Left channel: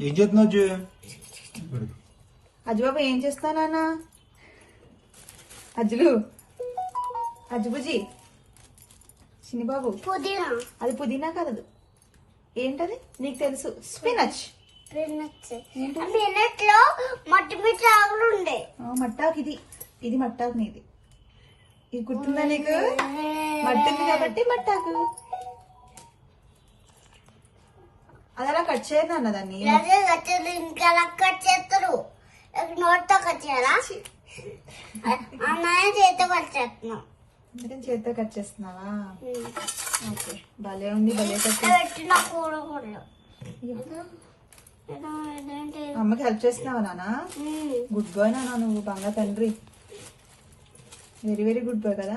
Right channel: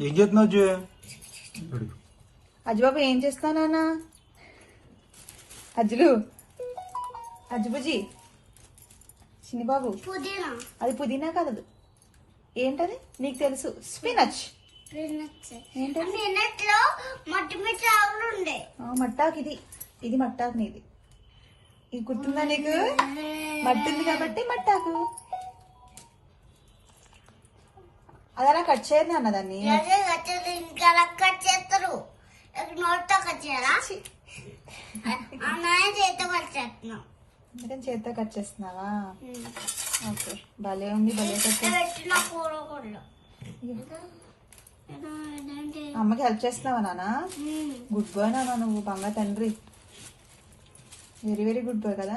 ఏం చేస్తున్నావు జే? అజ్జుబాబు ఏం చేస్తావు నాన్న? అజ్జులు అజ్జుబుజీ చిన్నబాబు పుదీనా. అది పుదీనా కాదు. ఏంటది? నీకు తెలుసు. స్పినచ్. పిన్నట్లో మట్టి మిట్టి ఆకులు ఉండే. ఆ, మట్టాకు ఇది. ఇది మట్టాకు నీది. ఇది గుర్తుందా నీకు? మట్టింది కాబట్టి మట్టాకు. అది అలా కట్ చేయరు నాన్న దాన్ని. ఇంకా కట్ చేస్తారు. నోట్తో కట్ చేయాలా? అన్నయ్య చేతితో కట్ చేస్తున్నాం. చేతితో కట్ చేస్తున్నావా? ఓకే. భలే ఉంది భలే కట్ చేస్తున్నావు. పెట్టిన కూర కూడా ఇదేంటి అమ్మకి హెల్ప్ చేస్తున్నావా నాన్న? ఉమ్. గుడ్ బాయ్ నాన్న నువ్వు బంగా తండ్రి. వెరీ వెరీ గుడ్ బాయ్ కదా?